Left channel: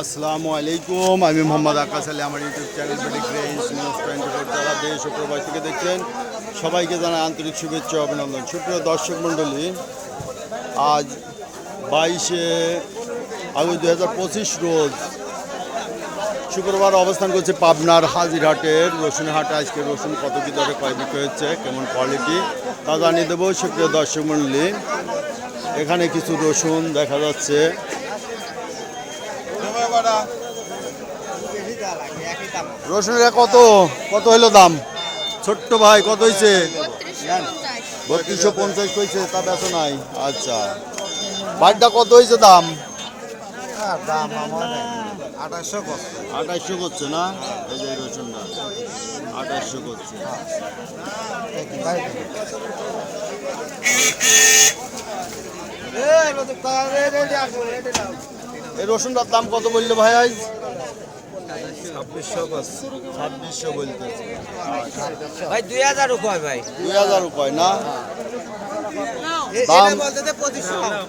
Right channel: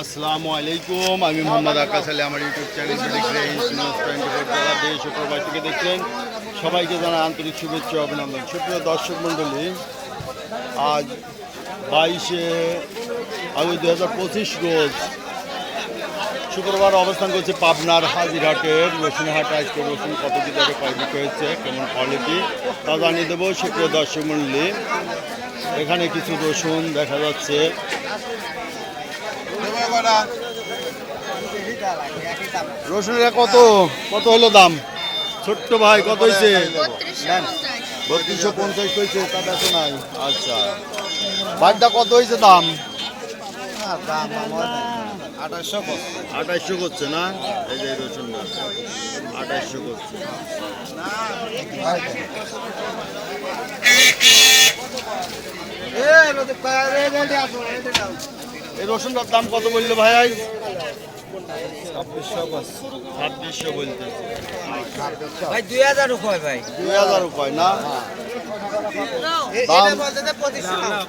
আসসালামু আলাইকুম আমি আমার ইউটিউব নিউজ টোয়েন্টি ফোর যারা থেকে দেখছেন সবাইকে জানাই আন্তরিক শুভেচ্ছা অভিনন্দন সুপ্রিয় দর্শক মণ্ডলী আজ বাইশে আগস্ট দু হাজার পঁচিশ রোজ শুক্রবার অবস্থান করছে পাবনার হাজিরহাটের রসুনহাটে আজকে রসুন কত কি দরে কয় বিক্রি হচ্ছে কেমন কোয়ালিটি তা জানিয়ে দেবো সুপ্রিয় দর্শক মণ্ডলী এখানে কিছু রসুন দেখা যাচ্ছে। রসুনের কত? কত হইল দাম? ছোট্ট ভাই, কত হয়েছে বত্রিশশো পঞ্চাশ হয়েছে তা বেচো নাই। আচ্ছা। বাড়িটা কত হয়েছে দাম? আঠাশশো করছে না? এই যে রসুনটা। আঠাশশো করছে। এই রসুনটার দাম কত বলল ভাই আজ? ছাব্বিশশো ছাব্বিশশো বলতেছে ভাই দুই হাজার রুপয় ভাই। দুই হাজার উপায় না?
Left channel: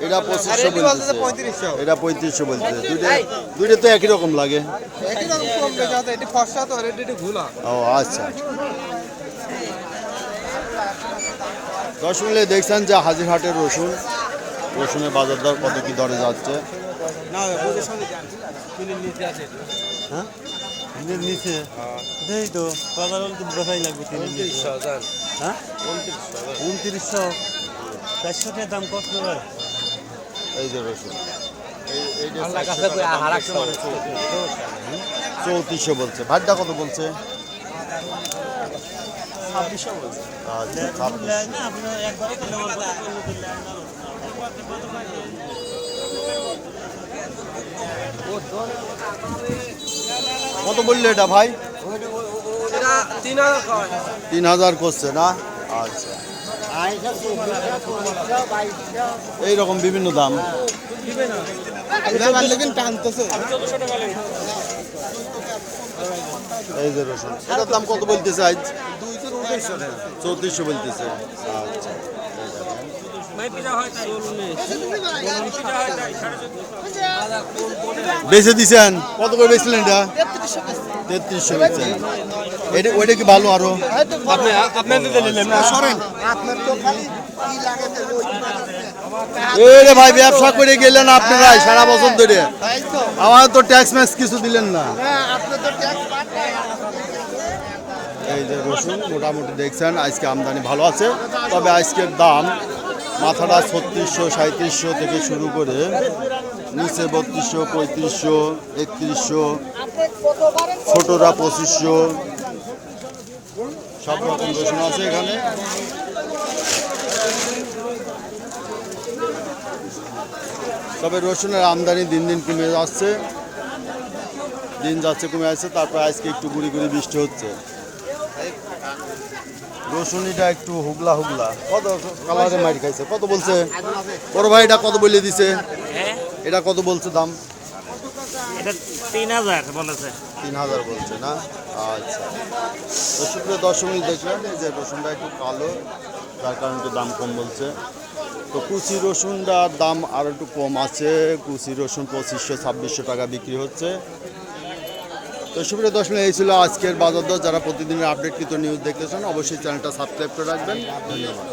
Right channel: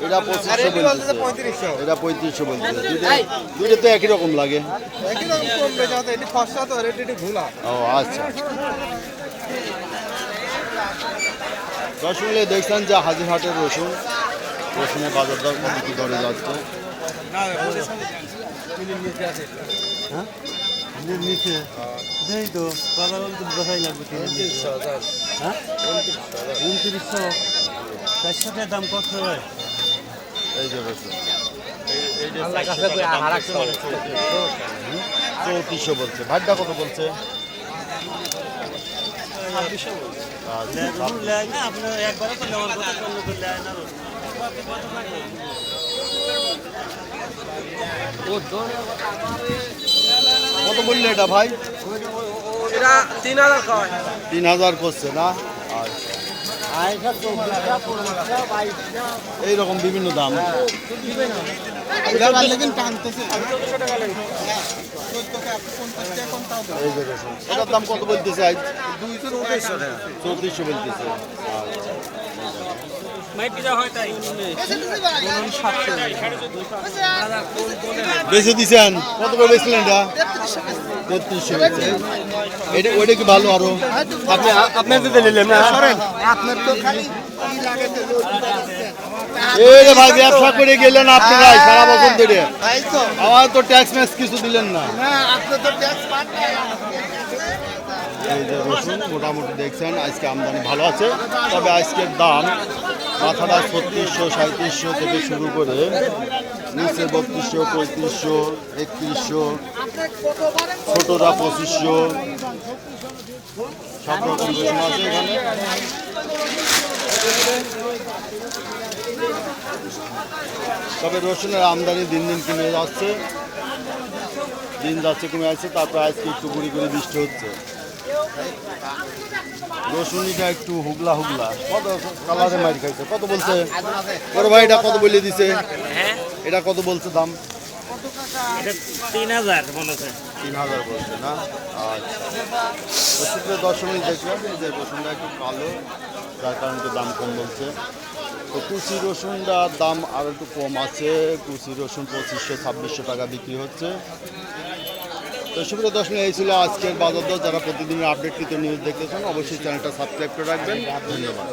এটা পঁচিশশো। বলতেছে। পঁয়ত্রিশশো। এটা পঁয়ত্রিশশো বলতেছে। দুইটা দুইটা তো একই রকম লাগে। একই রকম কম বেশি আছে এটি ফসা তো রেট এটি ভুলা। ও আচ্ছা। মিলে দেখছেন যে হাজিরহাটের রসুন রসুনের বাজার দর কত কি দরে যাচ্ছে? হ্যাঁ? নিচে। দেই তো বাজার তো দেখাই লাগবে হ্যাঁ? উনত্রিশশো। চারশো টাকার দাম কত এই যে রসুন? চৌত্রিশশো বলছে। ভাটটা কত বলছে? আচ্ছা, ছাব্বিশ। কত বললে এটা ভাই? তিন হাজার করছে না? আচ্ছা। এইরকম বিভিন্ন দাম। এই যে রসুন। এটার দাম কত বলতেছে আজ? চৌত্রিশশো বলতেছে। আচ্ছা। বেঁচে দিছেন? কত করে বেচলেন এটা? তেত্রিশশো এটা ওইটা কি ভালো আরও? আপনি আপনি দিতে নিলেন সরেন। এই রে ভাই ব্যবসা করে গেলেন আপনারাই সারা বছর ধরে। আমার তো ট্যাক্স ম্যাক্স কিছু দিলেন না। এই যে রসুন মোটামুটি দেখছেন আজকে আমদানি ভালো আছে। তবে আজকের দাম মাথাটা ছত্রিশশো সাঁত্রিশশো থেকে শুরু করে নিচে বত্রিশশো, পঁয়ত্রিশশো, একত্রিশশো ছোটরা পঁচিশশো, সব রকম রসুন আছে এখানে। তবে রসুনের আমদানি দিন দিন কমে যাচ্ছে, দিন যাচ্ছে, কমে যাচ্ছে, তারপর আজকে একটু গুড়ি গুড়ি বৃষ্টি হচ্ছে। রসুনিটা একটু হুগলা হুগলা কত কালারে মারি খাইছে? কত বলছে? বড় ভাই এটা কত বলে দিছে? এটা কত বলছে দাম? তিন হাজার বলছে। না? আচ্ছা। তো শুক্র দশমী দেখবেন যে রসুনটা একটু কালো যার কারণে একটু দাম কম বলছে। তো কুচি রসুনটার দাম আর একটু কম আছে। কুচি রসুন পঁচিশশো ছাব্বিশশো টাকা বিক্রি হচ্ছে। তো সুপ্রিয় দর্শন এই ছিল আজকের বাজার দশ যারা প্রতিদিনের আপডেটকৃত নিউজ দেখতেছেন, অবশ্যই চ্যানেলটা সাবস্ক্রাইব করে রাখবেন। ধন্যবাদ।